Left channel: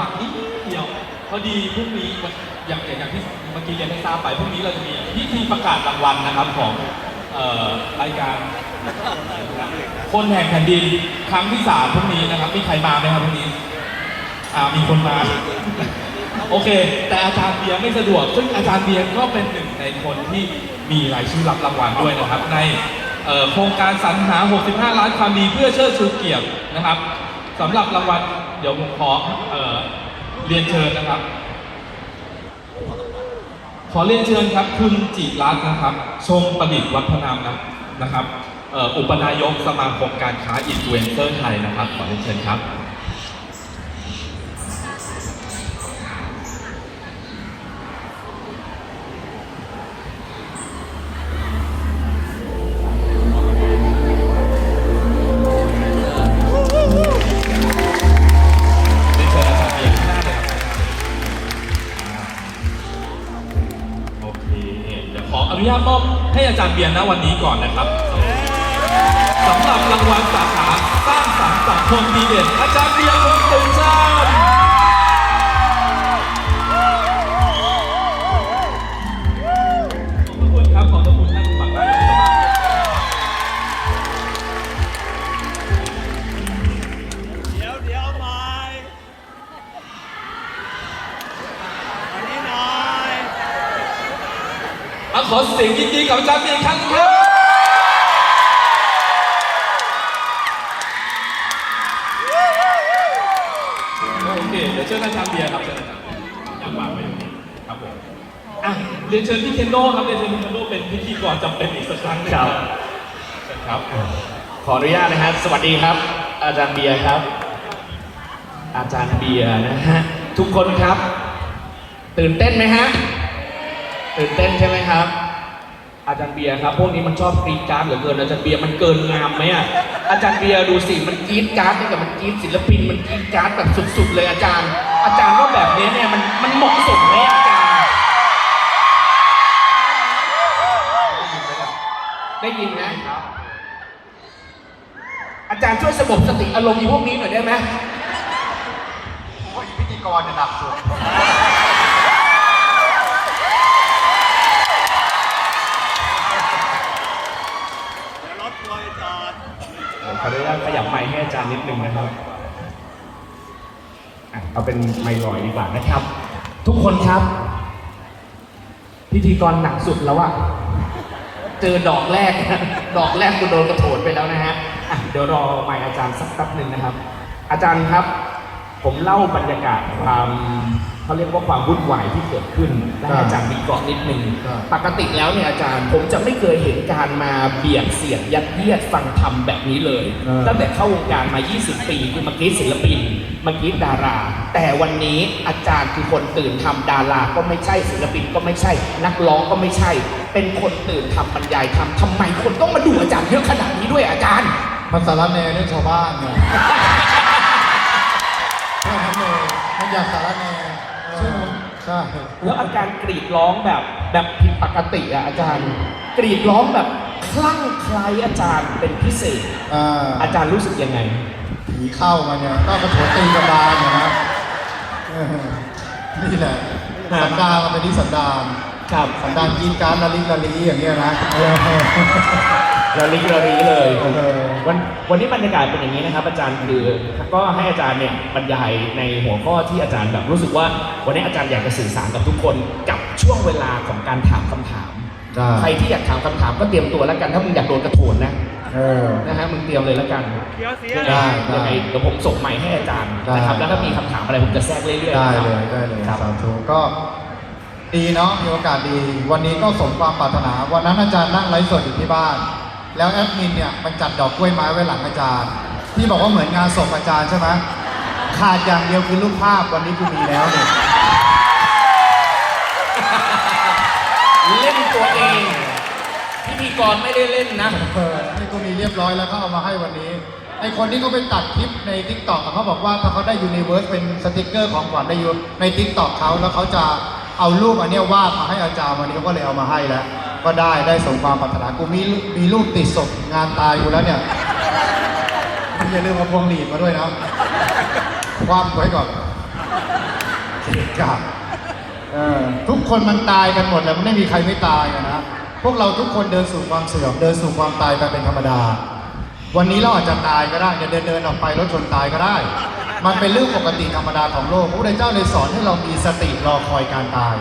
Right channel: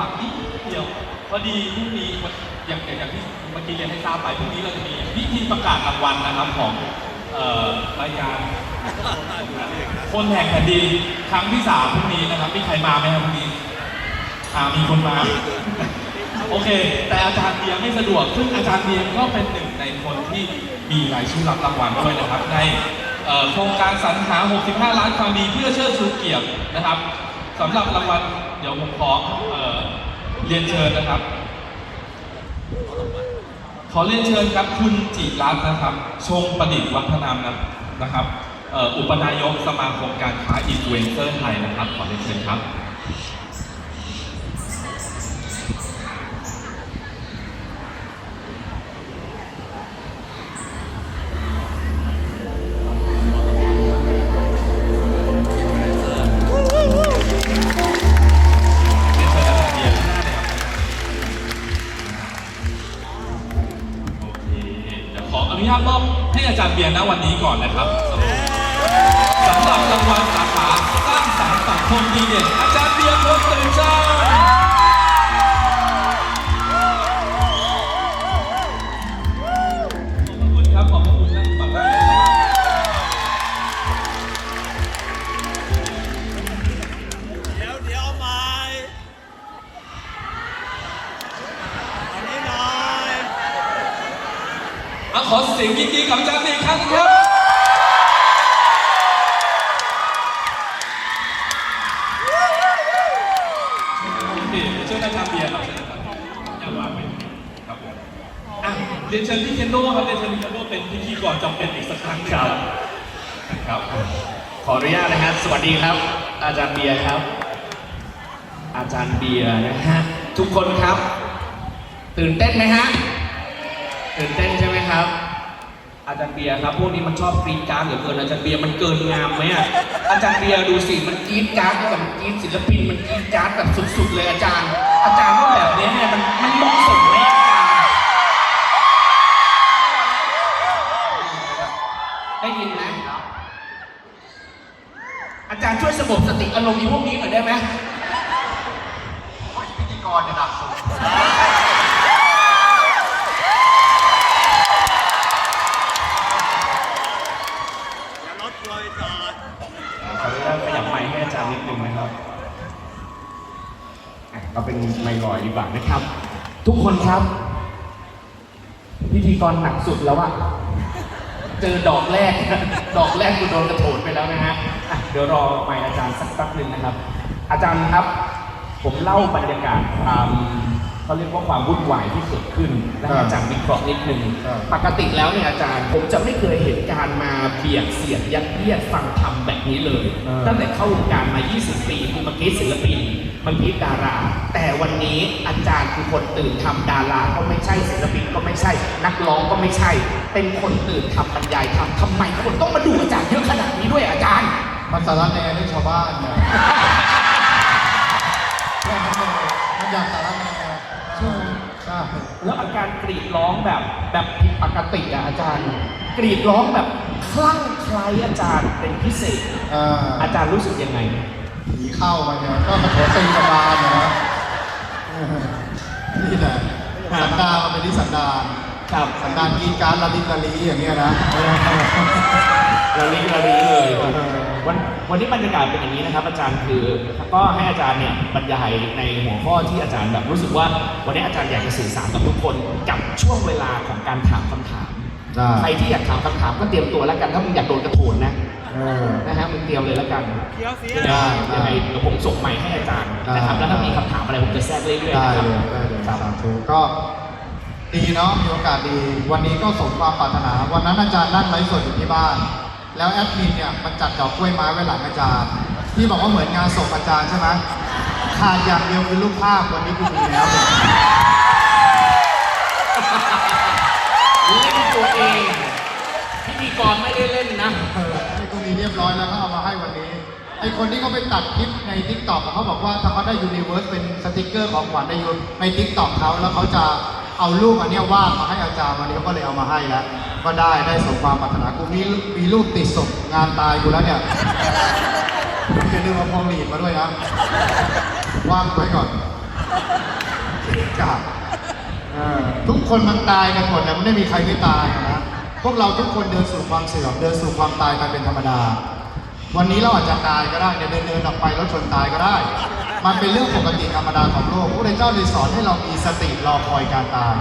าตขั้นจังหวะนิดเดียวพอดีพรุ่งนี้อย่างอย่างอย่างที่เมื่อกี้เรียนให้ทราบไปพรุ่งนี้เราจะมีพิธีประกาศรางวัลนะครับของรายการ คนแห่งแผ่นดินครั้งที่สามพรุ่งนี้นะครับมีใครมาไหมครับพรุ่งนี้มีคนมาโอเค แต่อาจารย์เบียร์ไม่สะดวก ซึ่งอาจารย์เบียร์ก็เป็นหนึ่งในคนที่มีรายชื่อรับรางวัลด้วยนะครับ ในโครงการสรรหา 65 ล้านความดีเพื่อเชิดชูเกียรตินะครับสำหรับรางวัลเดี๋ยวผมขอ เรียนเชิญนะครับ ขอเรียนเชิญครับคุณจิรัตน์นะครับ ชงประดิษฐ์วัฒนามนะครับ อุปนายกสมาคมการค้าอินฟลูเอนเซอร์ไทยนะครับ ขอเรียนเชิญครับ นเชิญพี่เคนโน่ครับเรียนเชิญพี่เคนโน่เป็นพิธีกรจำเป็นอีกสักครั้งหนึงครับครับ ขออนุญาตนะครับ สวัสดีครับ อาจารย์เบียร์ครับ อาจารย์เบียร์นะฮะ ทุกคนครับ ตื่นเต้นไหมฮะ ตื่นเต้นใช่ไหมครับ อาจารย์เบียร์ครับ พวกนี้มันชอบกรีดกราร์ดเหลือเกิน อาจารย์เบียร์มันเกินงามไหมอะอาจารย์เบียร์ดูสิ มันกรีดกราร์ดกับมันกรีดศิลปิน มันกรีดกราร์ดแบบสุดๆเลยอาจารย์ อาจารย์ว่าแบบนี้เนี่ยมันมันเหมาะสมไหมอาจารย์ ได้ยินไหมอาจารย์ช่วยสงบสติอารมณ์อีพวกนี้หน่อยได้ไหมพิธีกรจะหนักสุดเดี๋ยวรถทัวร์ไปจอดขออนุญาตขยับไมค์ให้อาจารย์นิดนึงนะครับอะเอาเป็นไมค์ลอยดีกว่านะครับ ทุกคนครับ พิธีกรหนักสุดแล้วอะ เจอดอกแรก ดอกแรกกูโดนกระโถนไปแล้วนะฮะอะเดี๋ยวรอไม่อาจารย์สักแป๊บหนึ่งนะครับ อาจารย์ครับ ผมเล่าบรรยากาศความ เขาเรียกว่าความวุ่นวายที่เกิดขึ้นและให้อาจารย์วิเคราะห์นิดนึงปกติแล้วเนี่ยอาจารย์ผมจะไม่เคยเห็นการมาเบียดเสียดยัดเยียดฟังธรรมแบบนี้เลยเออตั้งแต่เข้าวงการมา 20 ปีคือเมื่อกี้ศิลปินเมื่อกี้ดารา แต่วันนี้อาจารย์คือคนตื่นทำดาราก็ไม่ใช่ศิลปินก็ไม่ใช่ นักร้องก็ไม่ใช่ เป็นคนตื่นทำบรรยายทำทำไมคนต้องมาดูอาจารย์เยอะขนาดนี้ด้วยอาจารย์ภาษาละแนด้วยชาวบ้านเนี่ยแค่นั้นเลยมันอยากสารแนใช่ไหมใช่ แล้วอาการกรีดร้องแบบ แบบผิดปกติอะอาจารย์ กรีดร้องแบบคลั่งไคล้อาจารย์เป็นพิเศษ อ่าอาจารย์รู้สึกยังไง ผีเข้ามาเนี่ยเข้ามาโถตีกันดานเนยนะเออนี่แหละสันดานมันเป็นที่สันดานครับสันดานกินการละลิกละลีอย่างเงี้ยนะ เราลิกเราลีเลย เออ วันวันนี้บรรยากาศเป็นอย่างนี้นะครับ อาจารย์คือก็ให้อาจารย์เนี่ยบรรยายในหัวข้อที่อาจารย์แบบรู้สึกว่า วันนี้อาจารย์อยากจะสื่อสารกับทุกคนกับช่วงเวลาของการถามคำถามได้ใครที่อยากถามคำถามก็เตรียมตัวแล้วกันถ้ามึงอยากโดนกระโถนนะเออนะฮะมึงเตรียมเลยแล้วกันได้ยังไงยังไงเดี๋ยวผมส่งไมค์ให้อาจารย์ได้นะครับแล้วถ้ามีคำถามอะไรผมจะแทรกเรื่อยๆได้เลยนะครับได้เลยครับสาธุก็ดีเนาะมีโอกาสดี วันนี้ก็สมความปรารถนา วันนั้นอาจารย์นั่งไลฟ์สดอยู่ที่บ้าน แล้วแอดมินเนี่ยมันจัดดอกกล้วยไม้ไว้หลังอาจารย์ ที่บอกว่าเหมือนงานศพอาจารย์ใช่ไหมขาดอย่างเดียวคือรูปภาพวันนี้กูมีแล้วเนี่ยเล่นตัวเองพิธีกรไม่ได้เล่นนะเออนี่กูมีเรียบร้อยแล้วก็เอามาให้วันนี้ ไอคนที่เขาไปตัดคลิปในทิกตอกเขาบอกว่าถ้าเขาได้ยูนิเวิร์สเป็นสติกเกอร์ของขวัญได้ยูในทิกตอกเขาแล้วเขาจะ เอารูปอันเนี้ยวาดมาให้อาจารย์วันนี้ก็เลยเอามาให้แล้ว ก็ได้ได้สมความปรารถนากูมีมีรูปติดศพงานตายกูแล้วเนี่ยมึงอย่าลืมเอาพงหนีบมาด้วยนะว่างไว้ก่อนเกะกะเออทุกคนมันตายกันหมดแล้วไม่มีใครไม่ตายนะพวกเราทุกคนเดินสู่ความเสื่อมเดินสู่ความตายไปเป็นธรรมดา วันนี้เราอาจจะตายก็ได้เดินเดินเดินออกไปรถชนตายก็ได้ มันเป็นเรื่องปกติธรรมดาของโลกพระพุทธเจ้าเลยสอนให้เรามีสติรอคอยการตาย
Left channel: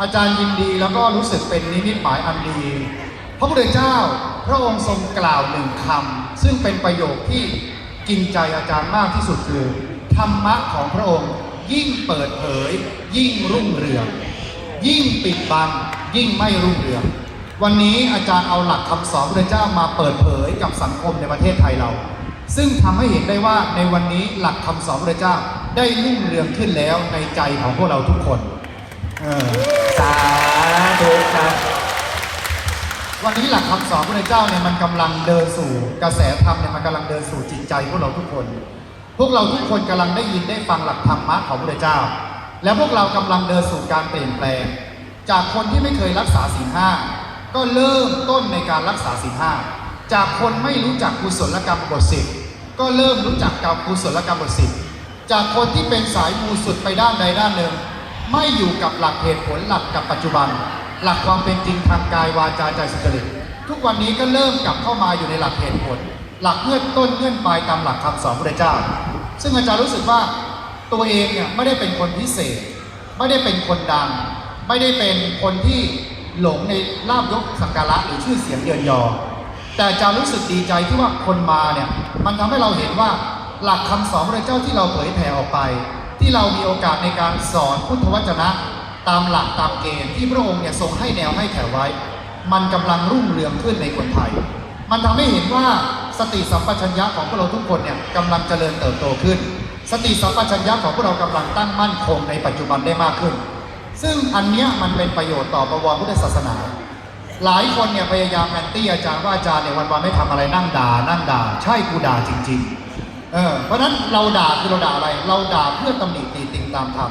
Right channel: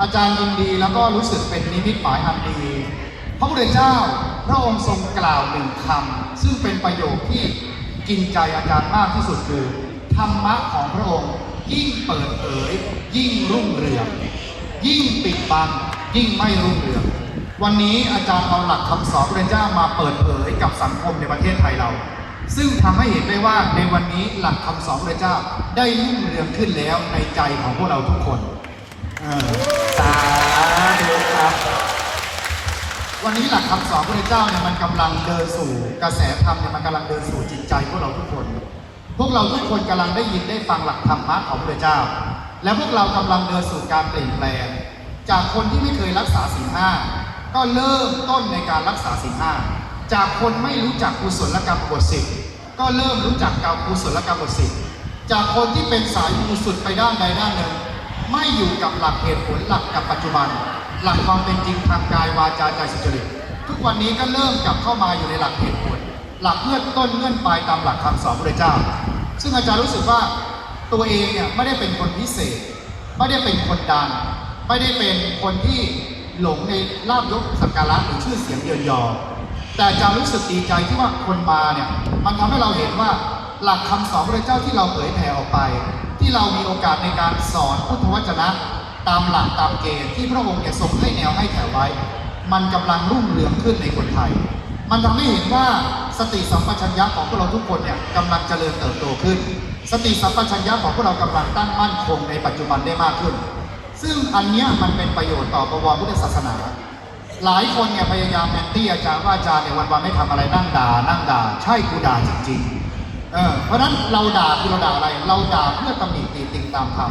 อาจารย์ยินดีแล้วก็รู้สึกเป็นนิมิตหมายอันดี พระพุทธเจ้าพระองค์ทรงกล่าวหนึ่งคำซึ่งเป็นประโยคที่กินใจอาจารย์มากที่สุดคือธรรมะของพระองค์ยิ่งเปิดเผย ยิ่งรุ่งเรือง ยิ่งปิดบังยิ่งไม่รุ่งเรือง วันนี้อาจารย์เอาหลักคำสอนพระพุทธเจ้ามาเปิดเผยกับสังคมในประเทศไทยเรา ซึ่งทำให้เห็นได้ว่าในวันนี้หลักคำสอนพระเจ้าได้รุ่งเรืองขึ้นแล้วในใจของพวกเราทุกคนสาธุครับวันนี้หลักคำสอนพระเจ้าเนี่ยมันกำลังเดินสู่กระแสธรรมเนี่ยมันกำลังเดินสู่จิตใจพวกเราทุกคน พวกเราทุกคนกำลังได้ยินได้ฟังหลักธรรมะของพระเจ้า และพวกเรากำลังเดินสู่การเปลี่ยนแปลง จากคนที่ไม่เคยรักษาศีลห้าก็เริ่มต้นในการรักษาศีลห้า จากคนไม่รู้จักกุศลกรรมบทสิบก็เริ่มรู้จักการกุศลกรรมบทสิบจากคนที่เป็นสายมูสุดไปด้านใดด้านหนึ่ง ไม่อยู่กับหลักเหตุผลหลักกับปัจจุบัน หลักความเป็นจริงทางกายวาจาใจสุจริตทุกวันนี้ก็เริ่มกลับเข้ามาอยู่ในหลักเหตุผล หลักเงื่อนต้นเงื่อนปลายตามหลักคำสอนพระเจ้า ซึ่งอาจารย์รู้สึกว่าตัวเองเนี่ยไม่ได้เป็นคนพิเศษ ไม่ได้เป็นคนดังไม่ได้เป็นคนที่หลงในลาบยศสักการะหรือชื่อเสียงเยินยอ แต่จารย์รู้สึกดีใจที่ว่าคนมาเนี่ยมันทำให้เราเห็นว่าหลักคำสอนพระเจ้าที่เราเผยแผ่ออกไป ที่เรามีโอกาสในการสอนพุทธวจนะ ตามหลักตามเกณฑ์ที่พระองค์เนี่ยทรงให้แนวให้ถ่ไว้ มันกำลังรุ่งเรืองขึ้นในคนไทย มันทำให้เห็นว่าสติสัมปชัญญะของพวกเราทุกคนเนี่ยกำลังเจริญเติบโตขึ้น สติสัมปชัญญะของพวกเรากำลังตั้งมั่นคงในปัจจุบันได้มากขึ้น ซึ่งอันเนี้ยมันเป็นประโยชน์ต่อประวรพุทธศาสนา หลายคนเนี่ยพยายามแอนตี้อาจารย์ว่าอาจารย์เนี่ยวันๆไม่ทำอะไรนั่งด่า นั่งด่า ใช่กูด่าจริง ๆ เออ เพราะฉะนั้นเราด่าคือเราด่าอะไร เราด่าเพื่อตำหนิตีติงตามธรรม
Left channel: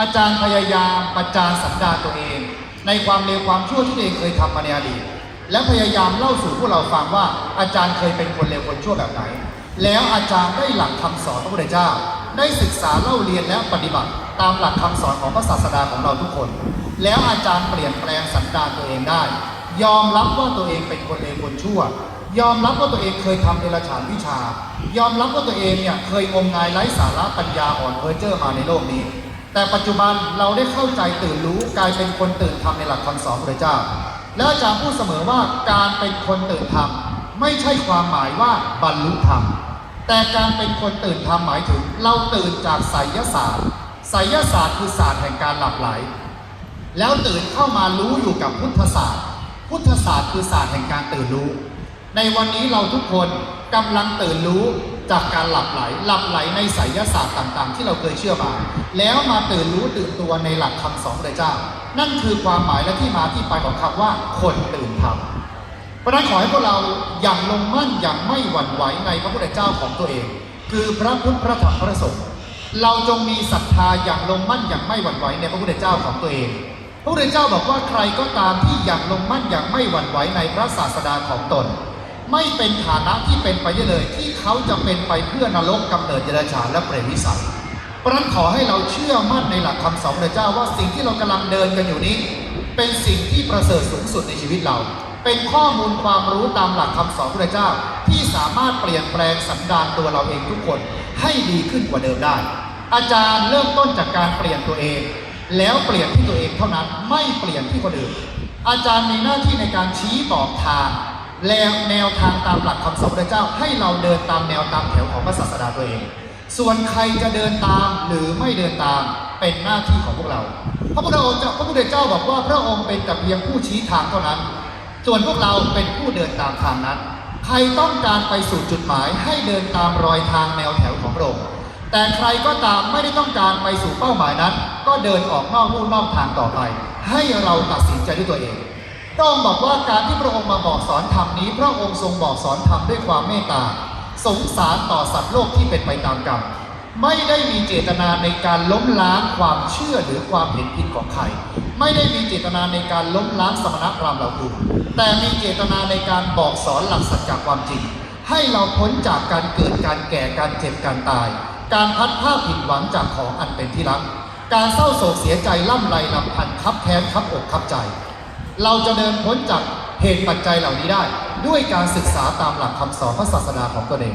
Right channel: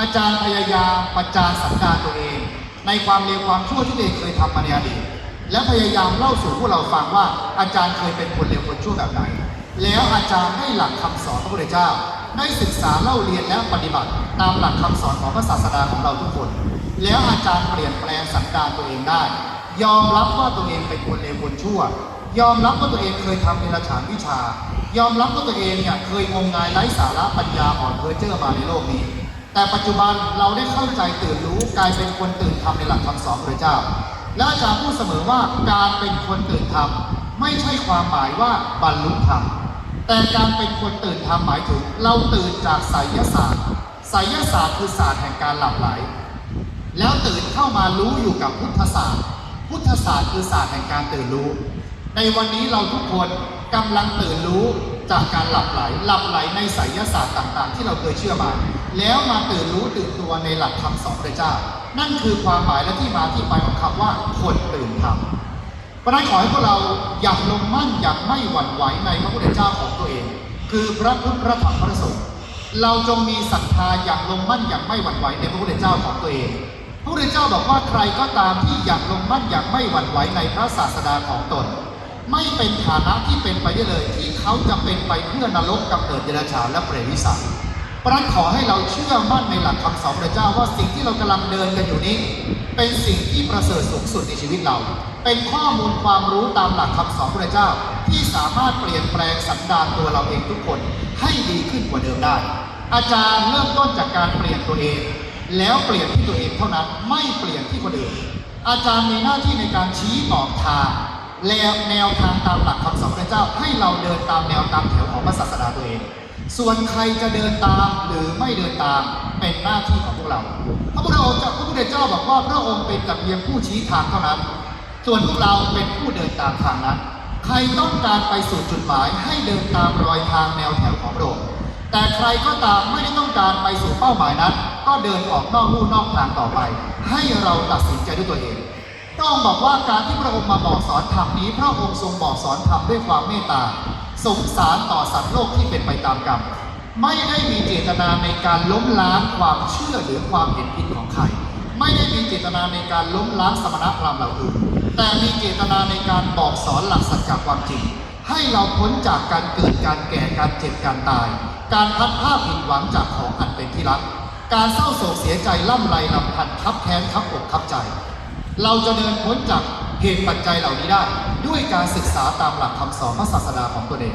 อาจารย์พยายามประจานสันดาตัวเอง ในความเลวความชั่วที่ตัวเองเคยทำมาในอดีตและพยายามเล่าสู่พวกเราฟังว่าอาจารย์เคยเป็นคนเลวคนชั่วแบบไหน แล้วอาจารย์ได้หลักคำสอนพระพุทธเจ้า ได้ศึกษาเล่าเรียนและปฏิบัติ ตามหลักคำสอนของพระศาสดาของเราทุกคน แล้วอาจารย์เปลี่ยนแปลงสันดานตัวเองได้ ยอมรับว่าตัวเองเป็นคนเลวคนชั่ว ยอมรับว่าตัวเองเคยทำเดรัจฉานวิชา ยอมรับว่าตัวเองเนี่ยเคยงมงายไร้สาระปัญญาอ่อนเพอเจอร์มาในโลกนี้ แต่ปัจจุบันเราได้เข้าใจตื่นรู้กลายเป็นคนตื่นธรรมในหลักคำสอนพระเจ้า และอาจารย์พูดเสมอว่าการเป็นคนตื่นธรรมไม่ใช่ความหมายว่าบรรลุธรรม แต่การเป็นคนตื่นธรรมหมายถึง เราตื่นจากไสยศาสตร์ไสยศาสตร์คือศาสตร์แห่งการหลับไหล แล้วตื่นเข้ามารู้อยู่กับพุทธศาสตร์ พุทธศาสตร์คือศาสตร์แห่งการตื่นรู้ ในวันนี้เราทุกคนกำลังตื่นรู้จากการหลับไหล หลับไหลในไสยศาสตร์ต่างๆ ที่เราเคยเชื่อมา แล้วมาตื่นรู้ตื่นตัวในหลักคำสอนพระเจ้า นั่นคือความหมายและที่มาที่ไปของคำว่าคนตื่นธรรม เพราะนั้นขอให้พวกเราอย่างลงมั่นอย่างไม่หวั่นไหวในพระพุทธเจ้าของตัวเอง คือพระพุทธพระธรรมพระสงฆ์เราจงมีศรัทธาอย่างลงมั่นอย่างไม่หวั่นไหวในพระพุทธเจ้าของตัวเองพระพุทธเจ้าบอกว่าใครก็ตามที่อย่างลงมั่นอย่างไม่หวั่นไหวในพระศาสดาของตน ไม่เป็นฐานะที่เป็นไปได้เลย ที่เขาจะเป็นไปเพื่อนรกกำเนิดเดรัจฉานและเปรตวิสัยพราะนั้นขอให้เราเชื่อมั่นในหลักคำสอนพระเจ้าว่าสิ่งที่เรากำลังเดินกันอยู่นี้ เป็นสิ่งที่ประเสริฐสูงสุดในชีวิตเรา เป็นข้อมูลความรู้ตามหลักคำสอนพระเจ้า ที่สามารถเปลี่ยนแปลงสันดานตัวเราเองทุกคนให้ดีขึ้นกว่าเดิมได้ อาจารย์เริ่มต้นจากการเปลี่ยนตัวเอง แล้วเปลี่ยนที่ตัวเองเท่านั้นไม่เปลี่ยนที่คนอื่นอาจารย์มีหน้าที่ในการชี้บอกทางแล้วแนวทางตามหลักคำสอนพระเจ้าให้เราเดินตามแนวตามแถวของพระศาสดาตัวเอง ส่วนใครจะเดินตามหรือไม่เดินตามเป็นหน้าที่ของพวกเรา พระพุทธองค์พระพุทธเจ้าบอกว่าพระองค์เป็นแต่เพียงผู้ชี้ทางเท่านั้น ส่วนพวกเราเป็นผู้เดินตามทางนั้น ใครต้องการไปสู่จุดหมายให้เดินตามรอยทางแนวแถวของพระองค์แต่ใครก็ตามไม่ได้ต้องการไปสู่เป้าหมายนั้น ก็เดินออกนอกลู่นอกทางต่อไป ให้เราตัดสินใจด้วยตัวเองพระองค์บอกว่าการที่พระองค์มาบอกสอนธรรมนี้ พระองค์ทรงบอกสอนธรรมด้วยความเมตตา สงสารต่อสัตว์โลกที่เป็นไปตามกรรม ไม่ได้มีเจตนาในการล้มล้างความเชื่อหรือความเห็นผิดของใคร ไม่ได้มีเจตนาในการล้มล้างสมณพราหมณ์เหล่าอื่น แต่มีเจตนาในการบอกสอนหลักสัจจความจริง ให้เราพ้นจากการเกิดการแก่การเจ็บการตาย การพัดผ้าผิดหวังจากของอันเป็นที่รัก การเศร้าโศกเสียใจล่ำไรลำพันคับแค้นคับอกคับใจ เราจะเดินพ้นจากเหตุปัจจัยเหล่านี้ได้ ด้วยการศึกษาตามหลักคำสอนพระศาสนาของตัวเอง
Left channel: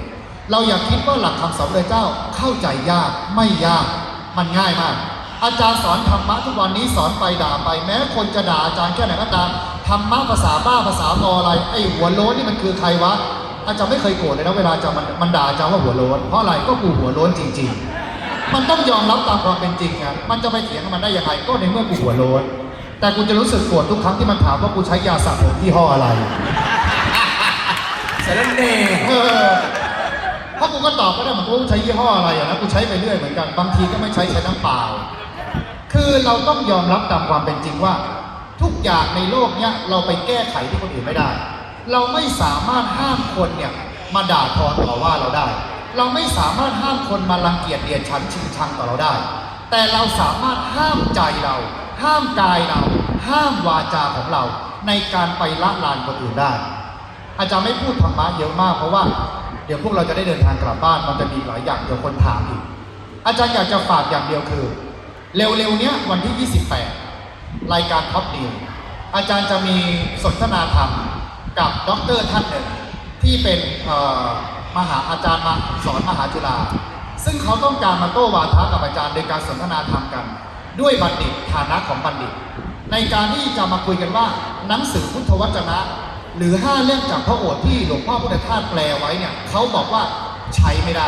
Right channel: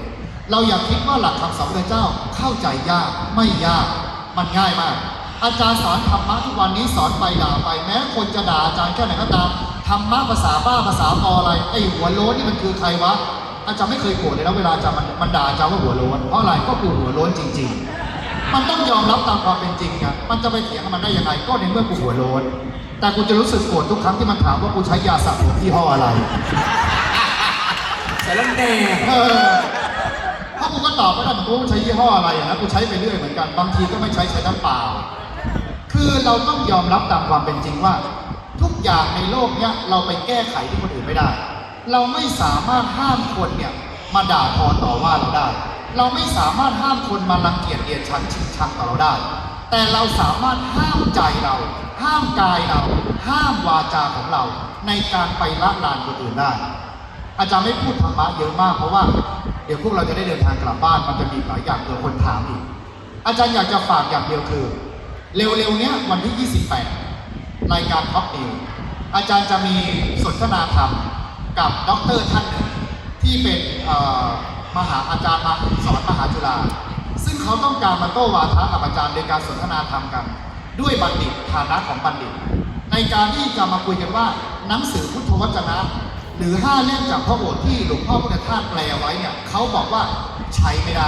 เราอย่าคิดว่าหลักคำสอนพระเจ้าเข้าใจยากไม่ยากมันง่ายมากอาจารย์สอนธรรมะทุกวันนี้สอนไปด่าไปแม้คนจะด่าอาจารย์แค่ไหนก็ตาม ธรรมะภาษาบ้าภาษาบออะไรไอ้หัวโล้นนี่มันคือใครวะอาจารย์ไม่เคยโกรธเลยนะเวลาอาจารย์มันมันด่าอาจารย์ว่าหัวโล้นเพราะอะไรก็คือหัวโล้นจริง ๆ มันต้องยอมรับตามความเป็นจริงครับมันจะไปเถียงกับมันได้ยังไงก็ในเมื่อกูหัวโล้นแต่กูจะรู้สึกโกรธทุกครั้งที่มันถามว่ากูใช้ยาสระผมยี่ห้ออะไรเสร็จแล้วเน่เออถ้ากูก็ตอบไม่ได้เหมือนกูใช้ยี่ห้ออะไรอะนะกูใช้ไปเรื่อยเหมือนกันบางทีก็ไม่ใช้ใช้น้ำเปล่าคือเราต้องยอมรับตามความเป็นจริงว่า ทุกอย่างในโลกเนี้ยเราไปแก้ไขที่คนอื่นไม่ได้ เราไม่สามารถห้ามคนเนี่ยมาด่าทอต่อว่าเราได้ เราไม่สามารถห้ามคนมารังเกียจเดียดฉันชิงชังต่อเราได้ แต่เราสามารถห้ามใจเรา ห้ามกายเรา ห้ามวาจาของเรา ในการไปละลานคนอื่นได้ อาจารย์ไม่พูดธรรมะเยอะมากเพราะว่าเดี๋ยวพวกเราจะได้เดินทางกลับบ้านมันจะมีหลายอย่างเดี๋ยวคนถามอีก อาจารย์อยากจะฝากอย่างเดียวคือ เร็วๆเนี้ยวันที่ 28 รายการท็อปนิวอาจารย์จะมีสนทนาธรรมกับด็อกเตอร์ท่านหนึ่งที่เป็นมหาอาจารย์มาสอนมหาจุฬาซึ่งเขาต้องการมาโต้วาทะกับอาจารย์โดยการสนทนาธรรมกัน ด้วยบัณฑิตฐานะของบัณฑิต ในการที่จะมาคุยกันว่าหนังสือพุทธวจนะ หรือห้าเล่มจากพระโอษฐ์ที่หลวงพ่อพุทธทาสแปลไว้เนี่ยเขาบอกว่าใช้ไม่ได้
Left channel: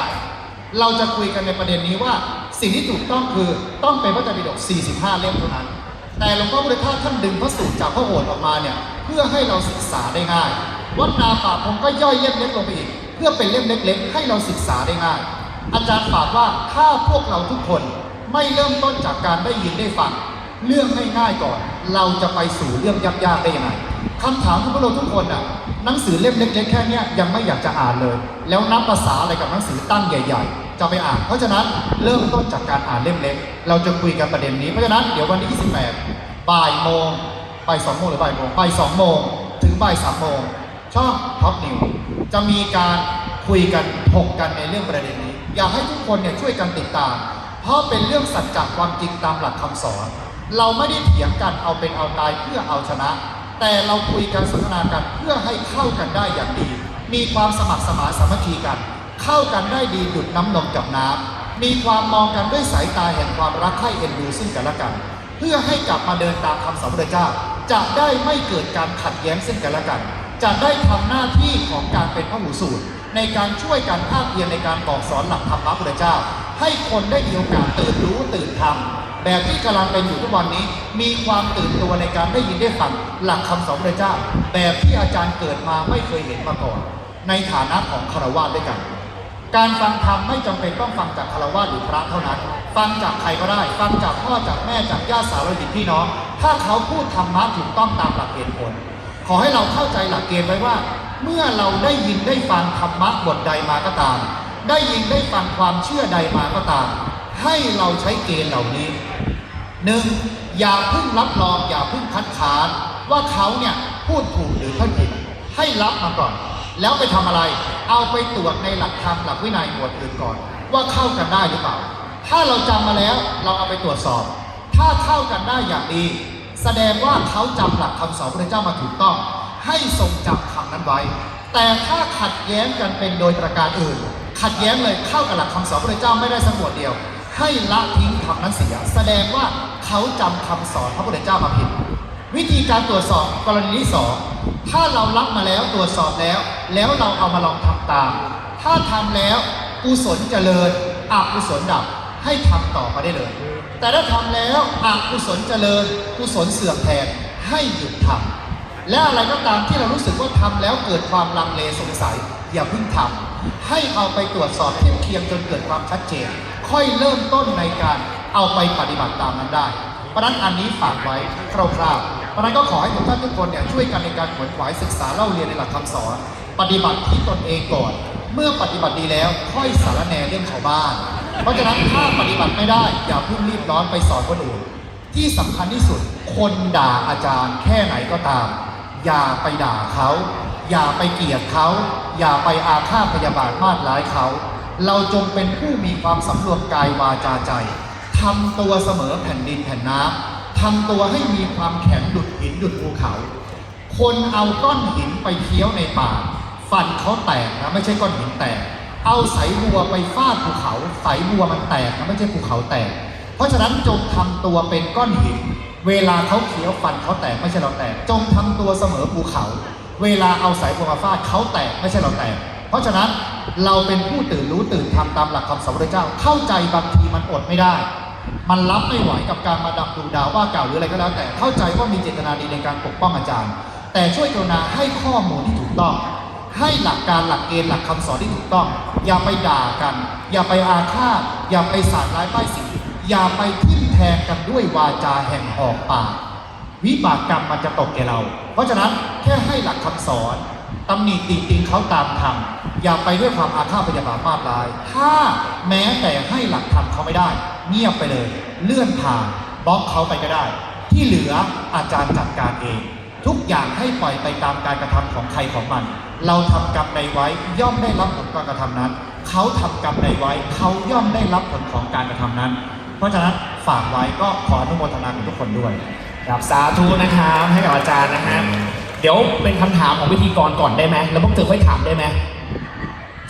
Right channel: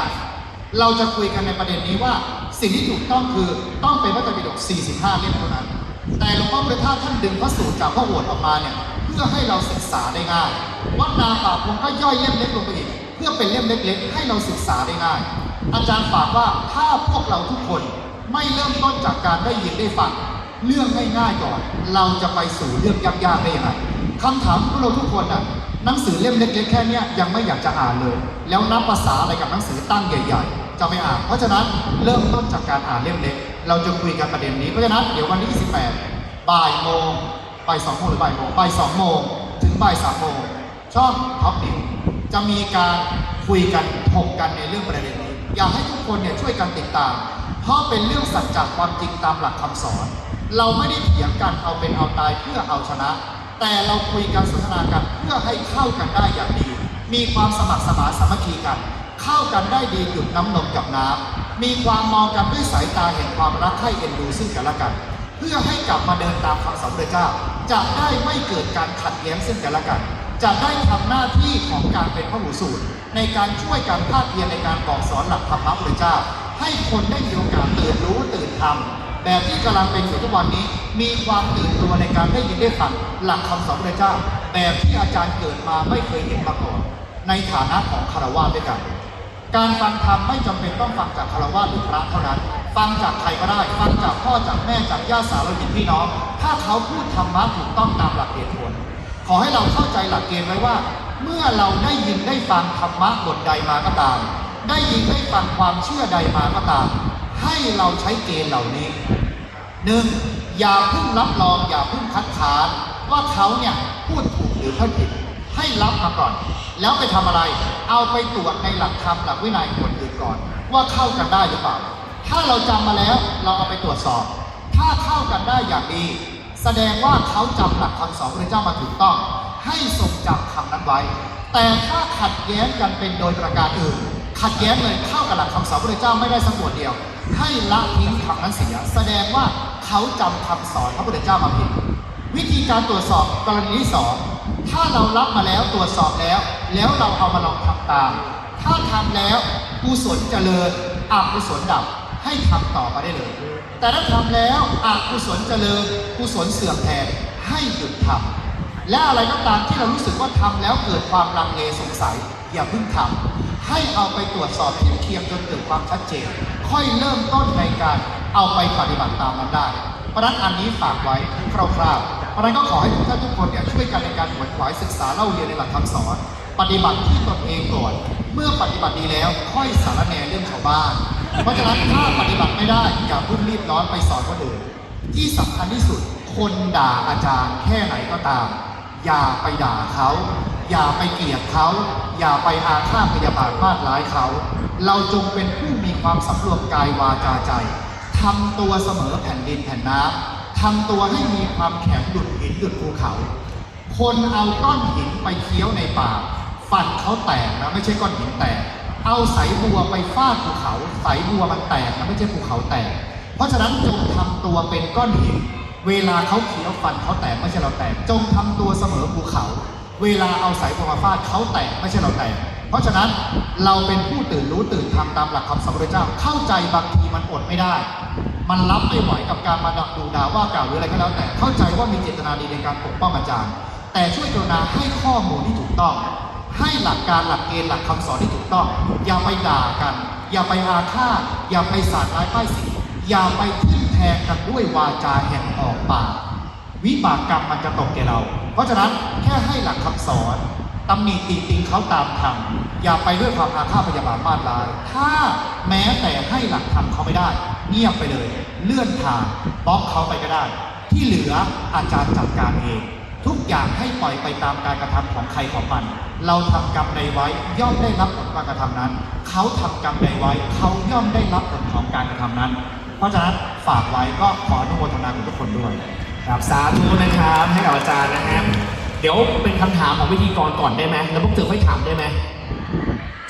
เราจะคุยกันในประเด็นนี้ว่าสิ่งที่ถูกต้องคือต้องเป็นพระไตรปิฎก45 เล่มเท่านั้น แต่หลวงพ่อพุทธทาสท่านดึงพระสูตรจากพระโอษฐ์ออกมาเนี่ยเพื่อให้เราศึกษาได้ง่ายวัดนาป่าพงก็ย่อยเล่มเล็กลงไปอีก เพื่อเป็นเล่มเล็ก ๆ ให้เราศึกษาได้ง่าย อาจารย์ฝากว่าถ้าพวกเราทุกคนไม่เริ่มต้นจากการได้ยินได้ฟังเรื่องง่ายๆก่อน เราจะไปสู่เรื่องยากๆได้ยังไงคำถามของพวกเราทุกคนน่ะหนังสือเล่มเล็ก ๆ แค่นี้ยยังไม่อยากจะอ่านเลย แล้วนับภาษาอะไรกับหนังสือตั้งใหญ่ ๆ จะไปอ่าน เพราะฉะนั้นเริ่มต้นจากการอ่านเล่มเล็ก เราจะคุยกันประเด็นนี้ เพราะฉะนั้นเดี๋ยววันที่ 28 บ่ายโมงบ่ายสองโมงหรือบ่ายโมงบ่ายสองโมงถึงบ่ายสามโมงช่องท็อปนิวจะมีการคุยกันถกกันในเรื่องประเด็นนี้ อยากให้ทุกคนเนี่ยช่วยกันติดตาม เพราะเป็นเรื่องสัจจความจริงตามหลักคำสอน เราไม่ได้เถียงกันเอาเป็นเอาตายเพื่อเอาชนะ แต่เราคุยกันสนทนากันเพื่อให้เข้ากันได้อย่างดี มีความสมัครสมานสามัคคีกัน เข้ากันได้ดีหยุดน้ำนมกับน้ำมีความมองกันด้วยสายตาแห่งความรักให้เอ็นดูซึ่งกันและกัน เพื่อให้กลับมาเดินตามคำสอนพระเจ้า จะได้ไม่เกิดการขัดแย้งซึ่งกันและกัน จะได้ทำหน้าที่ของการเป็นพระหูสูตร ในการช่วยกันภาคเพียรในการบอกสอนหลักธรรมะพระเจ้า ให้คนได้มีโอกาสตื่นรู้ตื่นทำแบบที่กำลังเป็นอยู่ทุกวันนี้ มีความตื่นตัวในการได้ยินได้ฟังหลักคำสอนพระเจ้า แบบที่อาจารย์เกิดมาไม่เคยเห็นมาก่อนในฐานะของคารวะด้วยกัน การฟังธรรมไม่จำเป็นต้องฟังจากคารวะหรือพระเท่านั้น ฟังจากใครก็ได้ ฟังจากพ่อจากแม่จากญาติสาวหินพี่น้อง ถ้าเขาพูดธรรมะถูกต้องตามหลักเหตุผล ขอให้เราเข้าใจหลักเกณฑ์ไว้ว่า เมื่อเราได้ยินได้ฟังธรรมะบทใดมาก็ตาม ได้ยินได้ฟังความเชื่อใดมาก็ตาม ให้เราใช้เกณฑ์เหล่านี้หนึ่งอย่าเพิ่งรับรองอย่าเพิ่งคัดค้านว่าเขาเนี่ยพูดถูกหรือพูดผิด ให้รับมาก่อน แล้วไปทำอะไร เอาไปตรวจในหลักธรรมหลักวินัยบทอื่นก่อน ว่าเข้ากันได้หรือเปล่า ถ้าเราจำมาแล้วเราเอาไปตรวจสอบ ถ้าเข้ากันได้อย่างดี แสดงว่าเขาจำหลักคำสอนพระเจ้ามาถูกต้อง ให้ทรงจำคำนั้นไว้ แต่ถ้าขัดแย้งกันเป็นโดยประการอื่น ขัดแย้งเลยเข้ากับหลักคำสอนพระเจ้าไม่ได้สักบทเดียว ให้ละทิ้งคำนั้นเสีย แสดงว่าเขาจำคำสอนพระพุทธเจ้ามาผิดวิธีการตรวจสอบกรณีที่สอง ถ้าเรารับมาแล้วตรวจสอบแล้ว แล้วเราเอามาลองทำตาม ถ้าทำแล้วกุศลเจริญอกุศลดับให้ทำต่อไปได้เลย แต่ถ้าทำแล้วอกุศลเจริญกุศลเสื่อมแทนให้หยุดทำและอะไรก็ตามที่เรารู้สึกว่าทำแล้วเกิดความลังเลสงสัย อย่าเพิ่งทำให้เอาไปตรวจสอบเทียบเคียงจนเกิดความชัดเจน ค่อยเริ่มต้นในการเอาไปปฏิบัติตามมันได้เพราะฉะนั้นอันนี้ฝากไว้คร่าวๆ เพราะนั้นก็ขอให้ทุกท่านทุกคนเนี่ยช่วยกันในการขวนขวายศึกษาเล่าเรียนในหลักคำสอน ปฏิบัติที่ตนเองก่อน เมื่อปฏิบัติดีแล้วค่อยสารแหนเรื่องชาวบ้าน เพราะฉะนั้นถ้าปฏิบัติไม่ได้อย่าเพิ่งรีบร้อนไปสอนคนอื่น ที่สำคัญที่สุดคนด่าอาจารย์แค่ไหนก็ตาม อย่าไปด่าเขาอย่าไปเกลียดเขา อย่าไปอาฆาตพยาบาทมากร้ายเขา เราจงเป็นผู้มีความสำรวมกายวาจาใจทำตัวเสมอแผ่นดินแผ่นน้ำ ทำตัวให้มีความแข็งดุดหินดุดภูเขา คนเอาก้อนหินไปเคี้ยวในป่าฟันเขาแตกนะไม่ใช่ก้อนหินแตก เอาสายบัวไปฟาดภูเขา สายบัวมันแตกนะไม่ใช่ภูเขาแตก เพราะฉะนั้นจงทำตัวเป็นก้อนหิน เวลาเขาเคี้ยวฟันเขาแตกไม่ใช่เราแตก จงทำตัวเสมอภูเขา เวลาเอาสายบัวมาฟาดเขาแตกไม่ใช่เราแตก เพราะฉะนั้นเราเป็นผู้ตื่นรู้ตื่นทำตามหลักคำสอนพระเจ้าเข้าใจบางทีมันอดไม่ได้ มันรับไม่ไหวกับการมาดับดูดาวว่ากล่าวหรืออะไรก็แล้วแต่เข้าใจว่ามีเจตนาดีในการปกป้องอาจารย์ แต่ช่วยกรุณาให้ข้อมูลที่ถูกต้อง ให้หลักการหลักเกณฑ์หลักคำสอนที่ถูกต้อง อย่าไปด่ากัน อย่าไปอาฆาตอย่าไปสาดร้ายป้ายสีอย่าไปทิ่มแทงกันด้วยวาจาแห่งออกปากวิบากกรรมมันจะตกแก่เรา เพราะฉะนั้นแค่ให้หลักคำสอนตำหนิตีติงเขาตามธรรมอย่าไปด้วยความอาฆาตพยาบาทมาดร้าย ถ้าแม้แต่ให้หลักธรรมเขาไม่ได้ เงียบไปเลย เลื่อนผ่านบล็อกเขาไปก็ได้ ที่เหลืออาจารย์จัดการเอง ทุกอย่างให้ปล่อยไปตามการกระทำของใครของมัน เราทำกรรมใดไว้ย่อมได้รับผลการกระทำนั้น เขาทำกรรมใดไว้เขาย่อมได้รับผลของการกระทำนั้น เพราะฉะนั้นฝากไว้ก็ขออนุโมทนาทุกคนด้วยครับสาธุนะครับให้กับอาจารย์นะฮะเดี๋ยวเป็นคำถามของพิธีกรก่อนได้ไหมแล้วพวกเธอค่อยถามได้ไหม